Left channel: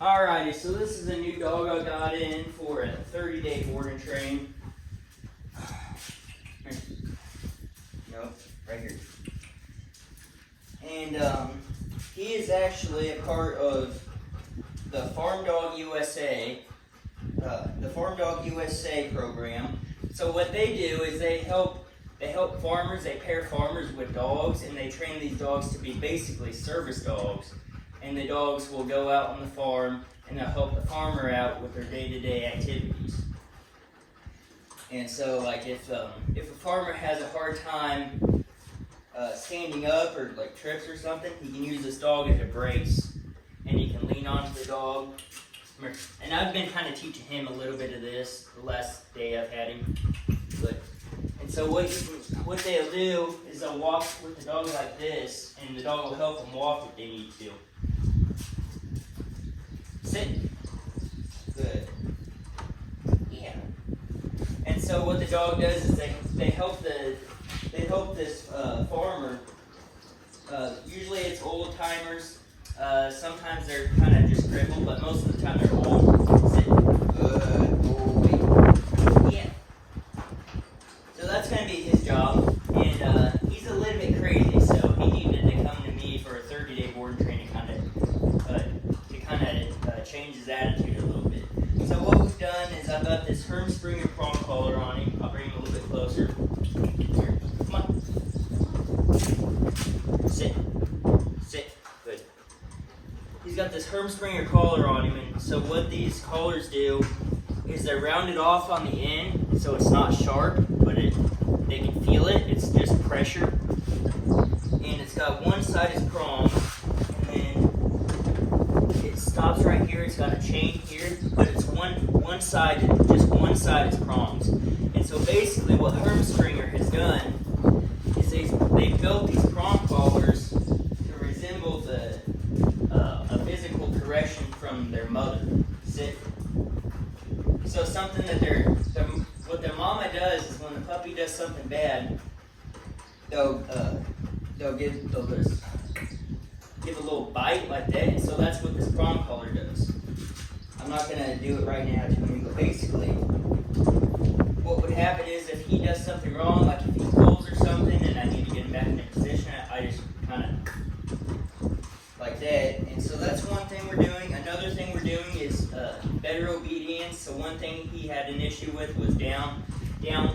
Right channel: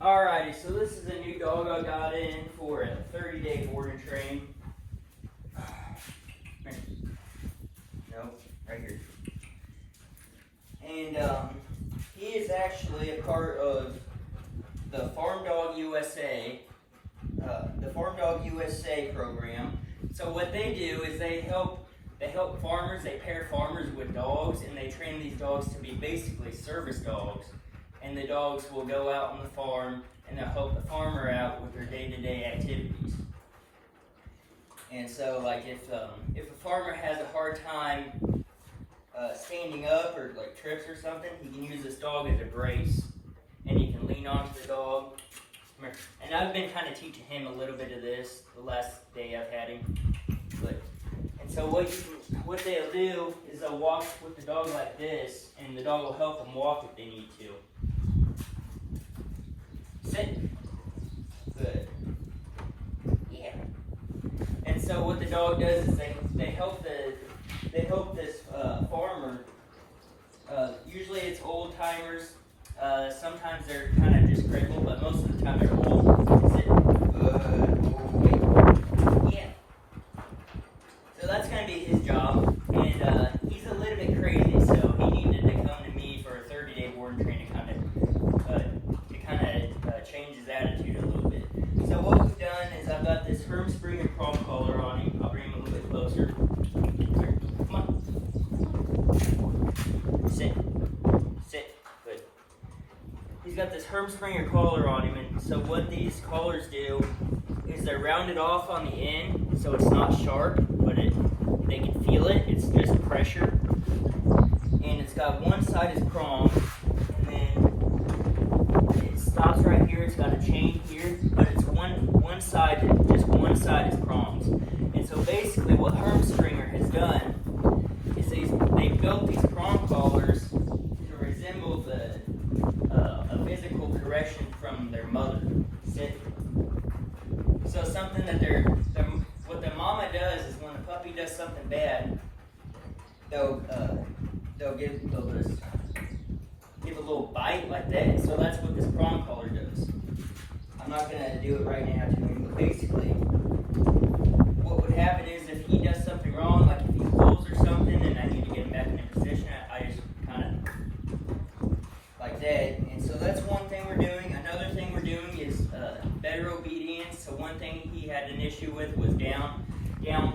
Alrighty, so this is a new dog I got in for a 30-day board and train. Nope, right here. And he is actually a part of the P.H.A.R.M Dog USA, the P.H.A.R.M Dog USA program. So what they do is they help farmers, they pair farmers with dogs, and they train these dogs to be basically service dogs. And the dogs will go out on the farm and they'll help the farmer out with their day-to-day activities. And so, like if a farmer has a hard time standing up or like trips or something, he can use this dog as a brace, and he can lean onto the dog. And I've been kind of teaching him a little bit of this the last day I've had him. And so what they'll do is they'll walk with the dog like this, and the dog will help them walk if they need to. Sit. Good. Yeah. And so what the dog does is they help this farmer. Usually it's old timers. Sometimes they're kind of just crippled, but most of the time they're old. Sit. Good boy. Yeah. So that's going to be his job, and he's a little bit crazy, so he needed to come to me for a 30-day board and train to kind of change his attitude a little bit. So what we've done is I've got this P.H.A.R.M Springer prong collar on him. I'll bring him a little bit closer. Come on. Sit. Sit. Good. He's got this P.H.A.R.M Springer collar on him, and so what these collars do is they're rounded off on the end, so it's not sharp, but they can feel it. It's just pressure. And it's got one side is prong, and then it stops right here. It's got a chain here, but it's one side, just one side is prongs. And so basically what P.H.A.R.M Springer has done is they've built these prong collars to resemble a physical correction from their mother. Sit. So something that what their mama does is when the puppy does something bad, they'll just give a little bite like that. And so that's what this prong collar does. I'm not gonna do it right now to him, but basically, what would happen is if he does something wrong, like if he pulls or something, and I need to get him back in a position, I just kind of like that. And so that's one thing we're doing. Another thing we're doing is better obedience. So one thing he had an issue with was down. Give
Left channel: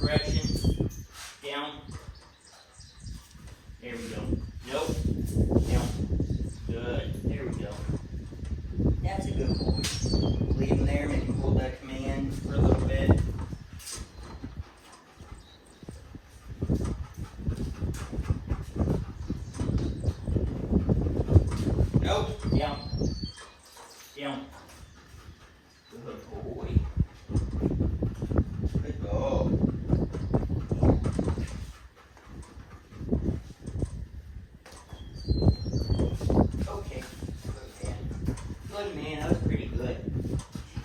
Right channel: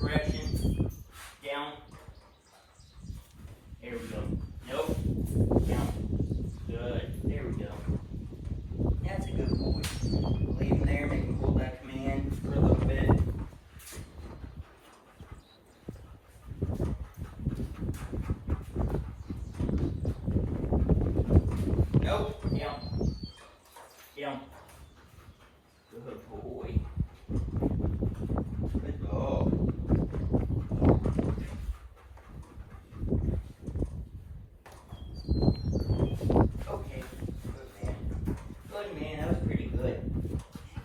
correction. Down. There we go. Nope. Down. Good. There we go. That's a good boy. Leave him there. Make him hold that command for a little bit. Nope. Down. Down. Good boy. Good dog. Okay. Good man. That was pretty good.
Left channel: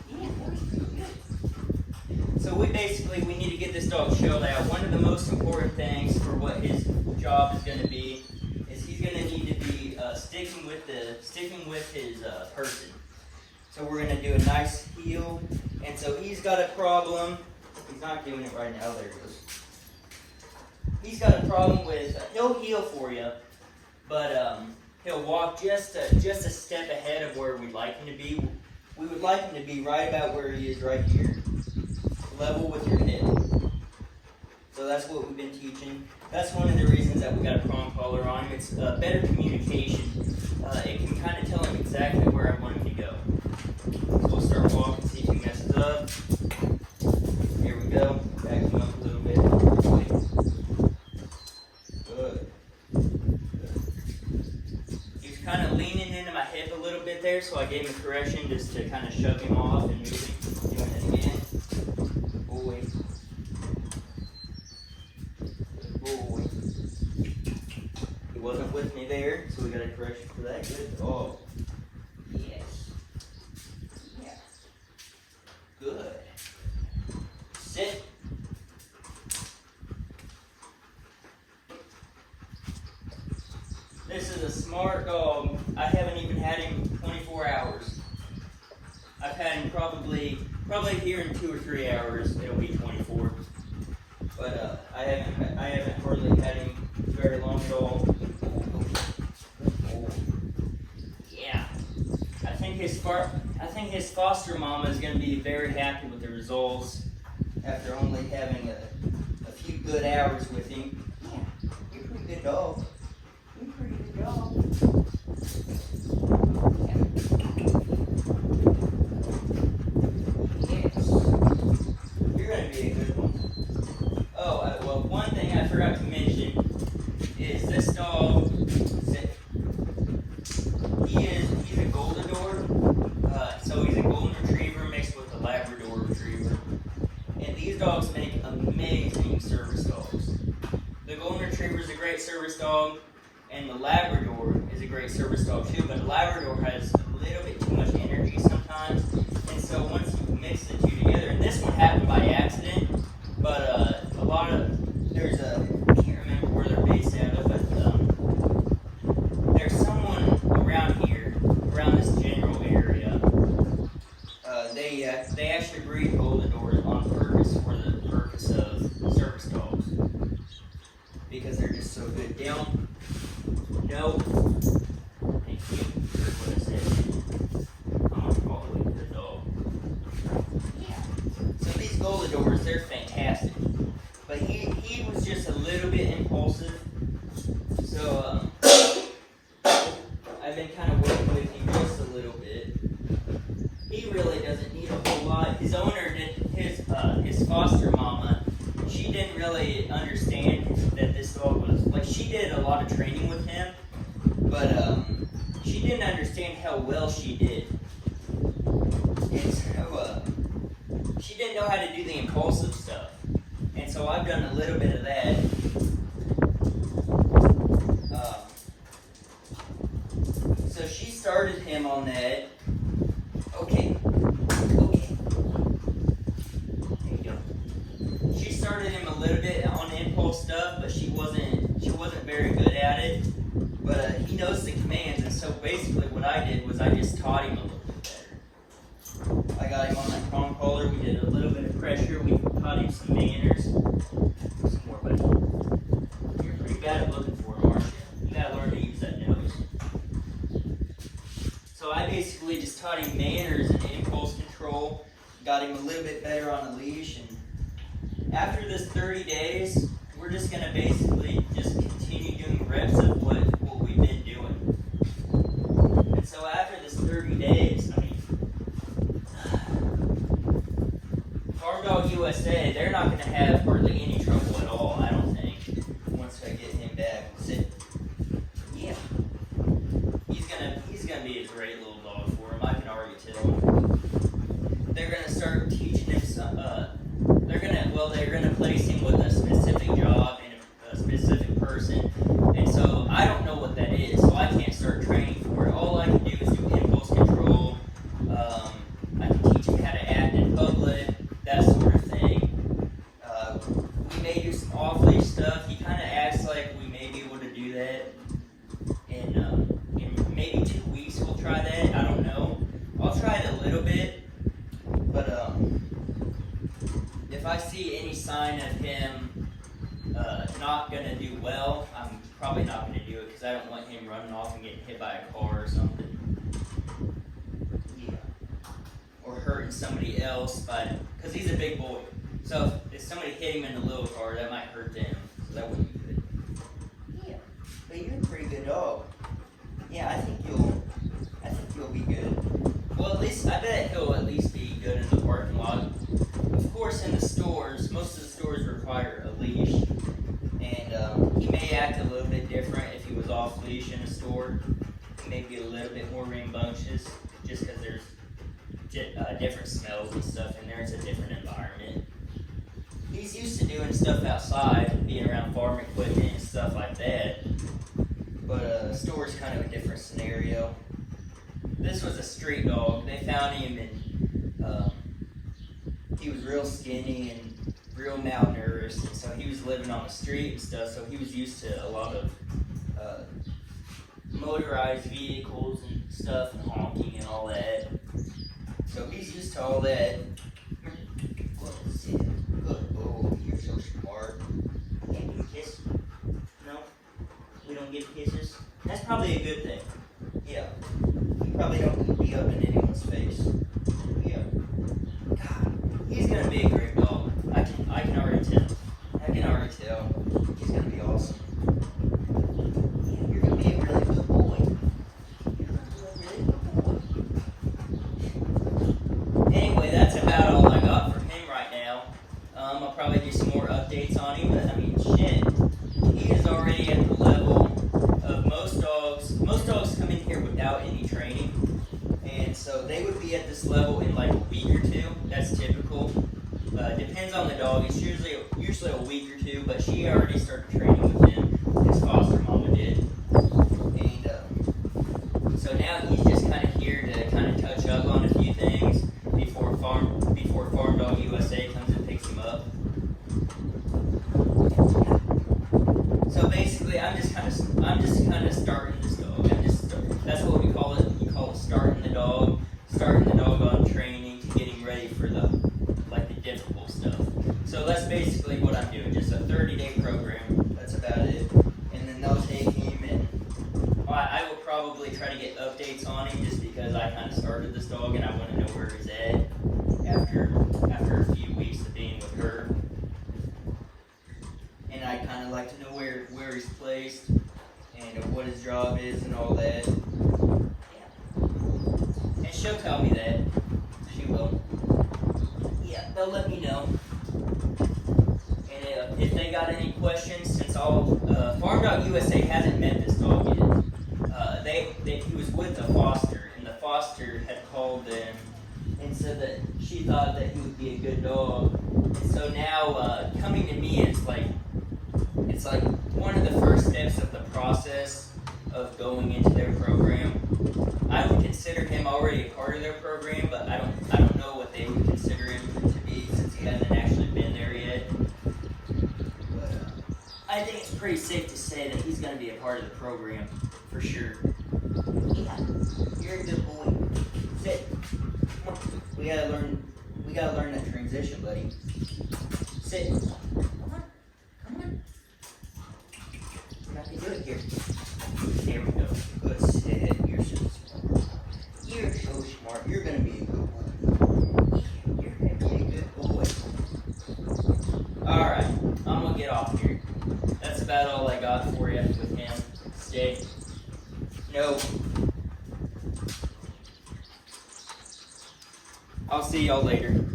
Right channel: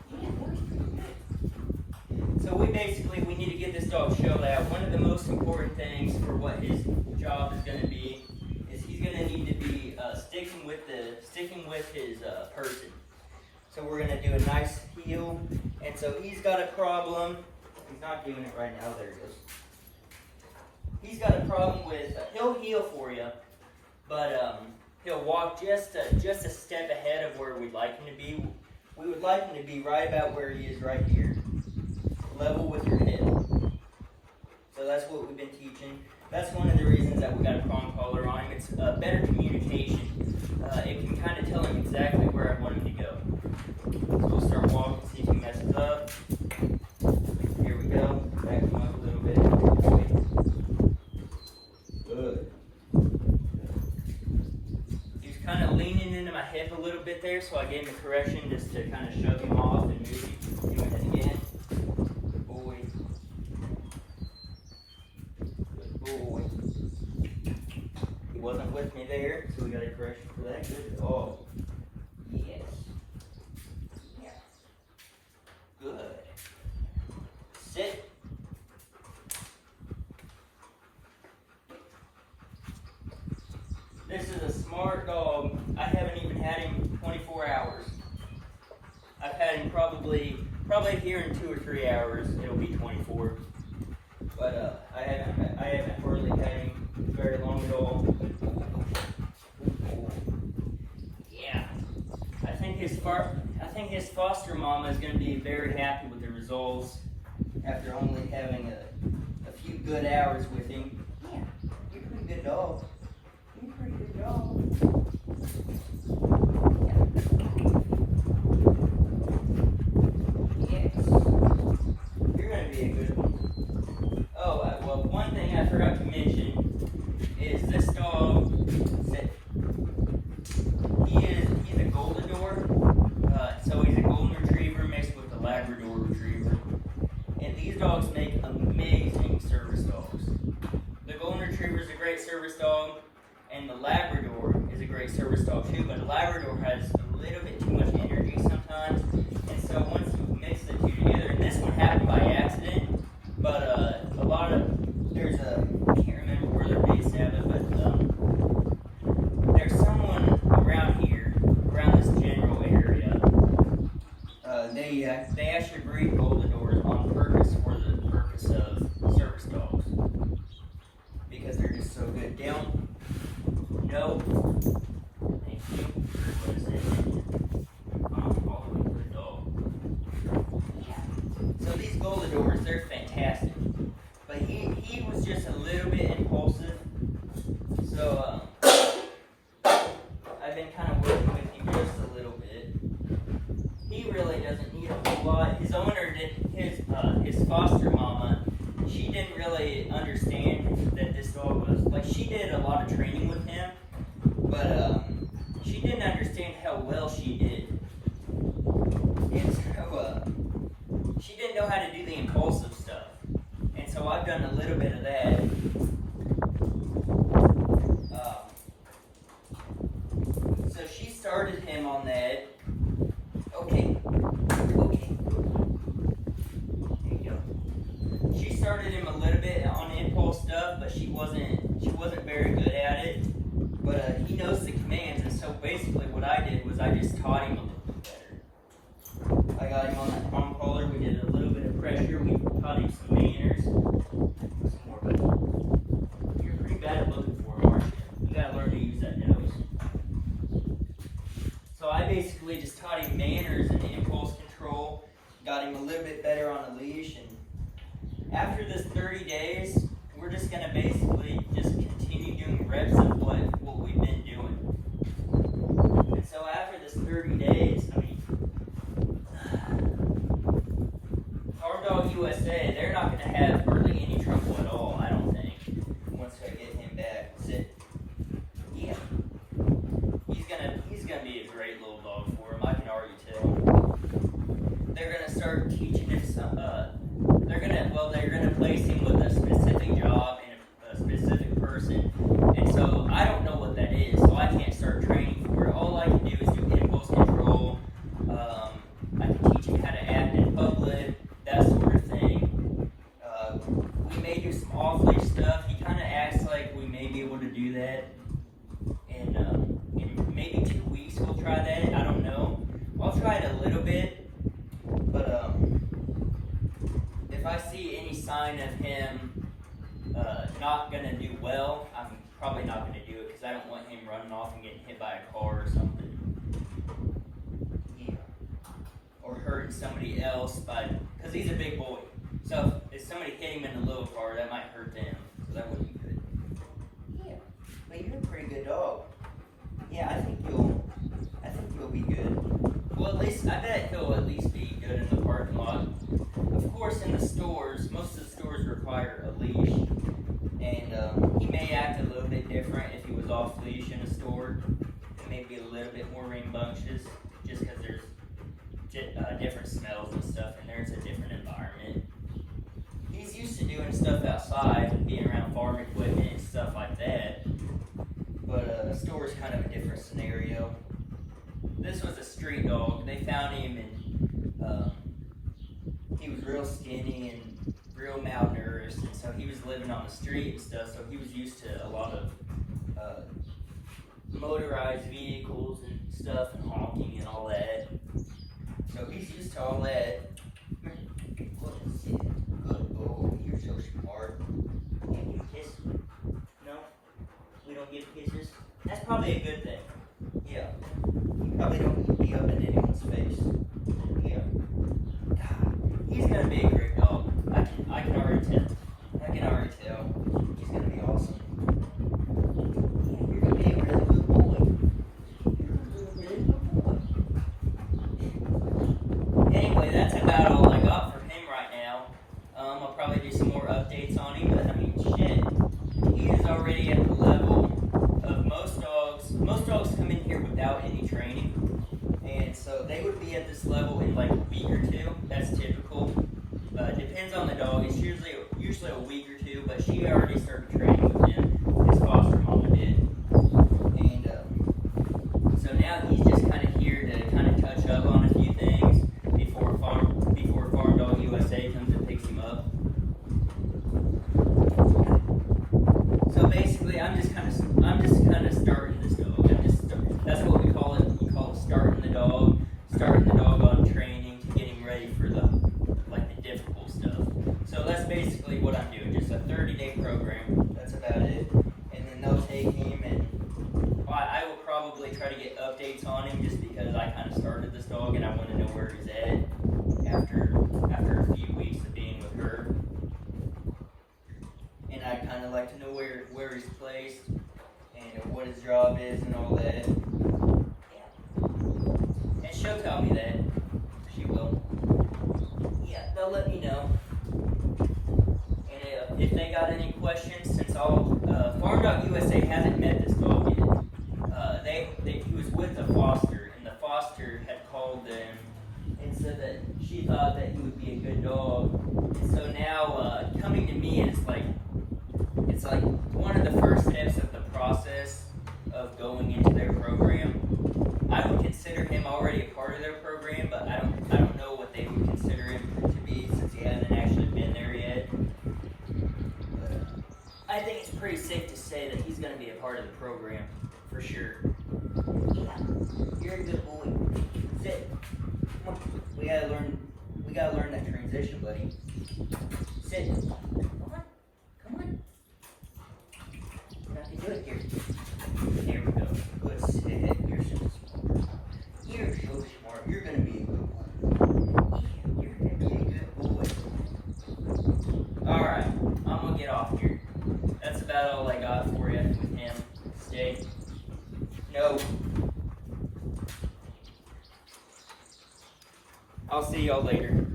Yeah, that was pretty good. So we need to get this dog showed out. One of the most important things for what his job is going to be is he's going to need to be sticking with his person. So we're going to do a nice heel. And so he's got a problem. He's not doing it right now. There he goes. He's got a problem with, he'll heel for you, but he'll walk just a step ahead of where we'd like him to be. We would like him to be right about where he is right here. Level with your head. So that's what we've been teaching. That's one of the reasons that we got a prong collar on him. It's better communication. It can kind of tell him exactly where I want him to go. So we'll start walking, see if he messes up. Here we go. Back him up a little bit. Good. He was kind of leaning into my hip a little bit there, so I gave him a correction just to kind of shove him off and move him. Doing it again. Good boy. Good boy. He wasn't with me there, so we got a correction for that. Good dog. Yes. Yeah. Good. Sit. This is a smart dog. I haven't even had him 24 hours. I've had him probably here in 2 or 3 hours. It'll be 24. But I haven't hardly had him very long at all. Yeah. I think his foster mama is going to be very happy with the results after only having a few good hours with him. Yeah, you're a pretty good dog. You're a pretty good dog. Yeah. Yes. You're going to be a good one. Oh, well, one thing I forgot to mention is this dog. He's a Golden Retriever, so he's a Golden Retriever mixed with a Labrador Retriever. And these dogs make amazing service dogs. The Golden Retriever is a great service dog, and the Labrador is a great service dog too, but the Labrador has a little bit too much energy sometimes. And so once you mix the two together, and this one happened by accident, but I can't remember where they're based out of, but there's someone around here, around this general area. They actually breed Golden Doors on purpose for the purpose of service dogs because they're just so good. Down. No. Thank you. What is it? All the way to the dog. Yeah. So these Golden Doors, they're fantastic. But he was just a little bit impulsive. So I've been kind of working with him just a little bit. He really doesn't need a whole lot. His owner his foster mama, she didn't really understand that this dog was, like, she did a lot of training with him, but she didn't understand how well she did. And so she didn't know how to do the impulsive stuff. And so I've done a little bit of that. So she started him on that. Okay. There you go. She started him a little bit on the impulse stuff, but she wasn't very good at it. But he knows the commands, and so basically what I did was I just taught him a little bit better. I got him on that prong collar. We did a little bit of pressure. We taught him some manners. Some more, buddy. You're pretty bad at looking for him, aren't you? You gotta learn to use that nose. So I basically just taught him manners and impulse control, got him a little bit better on a leash, and after this 30 days, we're just going to basically just continue doing reps of what we've been doing. And so after this 30 days, P.H.A.R.M Dog USA, they're not going to have hardly any trouble at all, I don't think, once I get him back. Yeah. He's gonna be a great little dog for him. I can already tell. They're gonna start teaching him some. They're gonna place him with a specific job and a specific person. And so I don't know what that is, so I can't start training for it. All I can do is do impulse control. I can teach him how to act in public, that sort of thing. We may do some off-leash stuff. He kind of acts like we may be able to do that. In maybe 2 weeks we'll try that. I don't know. I'll try it a little bit, but if I see any sign of him not gonna do well, I'm probably not gonna do it because I don't want him running off and getting hit by a car or something. Yeah. Or hurting somebody else because he's a big boy. So if somebody hit him in the little car, that might hurt them. So that wouldn't be good. Yeah. But you're a pretty good dog. Yeah, I think you'll be good. Well, at least I bet he'll at least be good in the parking lot. Of course, in the stores, most of the stores require a leash, and he may act a little bit different if he was off leash in a store. He may be a little bit more rambunctious, just because there's different smells and stuff in there. It's a different environment. He's used to doing stuff outside, being around farm equipment and stuff like that. But the store's kind of a different scenario. This was a street dog. They found him and he was real skinny and real malnourished, and so he was living on the street and stuff, so he was used to a lot of motorized vehicles and stuff and honking and all that. So he's used to all that. Good boy, you're so smart. Can't we kiss? No? We don't give kisses? That's probably a good thing. Yeah. You probably don't need to be up in anyone's face. Yeah. God, he's gonna be a great dog. I can already tell. I can already tell. He's gonna be awesome. Yeah, you're gonna be a really good boy. You're gonna be a really good boy. Anyway, that's about all I got for him right now. I'll probably do some more updates on him, but I mean, shit. He is already at the level of most dogs. Most dogs come in here without any training, and so they would be at this level in like a week or two. That's typical. Depends on the dog. It's usually a week or two, but she already started training with him. His foster mama did, and so now he's just kind of here to kind of touch up on a few things before P.H.A.R.M Dog USA comes and picks him up. So basically, I'm just kind of starting this dog. That's what we call it. We call it starting the dog. Starting the dog on training to getting ready for the difficult stuff. So that's basically what I'm doing. Just a 30-day program. That's about it. And then they'll take him, and I will probably try to get updates on him just because I kind of started this dog and I want to know where he's at after a few weeks of being with her. And I kind of like to know where he's placed and what his job is and all that. Yeah. And she'll tell me that. She will. Yeah, they'll let me know. And if they got any questions, since P.H.A.R.M Dog USA hasn't met this dog yet. He was with a foster, and the foster had called them and said that she thought that he would be a good dog. And so now coming to me is it's like one of the first steps of the process of going into their program. I would consider him already a part of their program, but I don't know what they would consider him to be since he hasn't actually been there yet. But I think it's pretty safe to say that he's going to be a part of the program for sure. Yeah, you're a good boy. Sit. Come on. We gotta learn that transition, buddy. Sit. Come on. Nothing good here. There we go. Good sit. You're so smart. You're so smart. You're gonna be a good one. You're gonna be a good boy. Alright, I'm gonna get off here. That's about all I got for you with him. Stay. No. I'll see y'all later.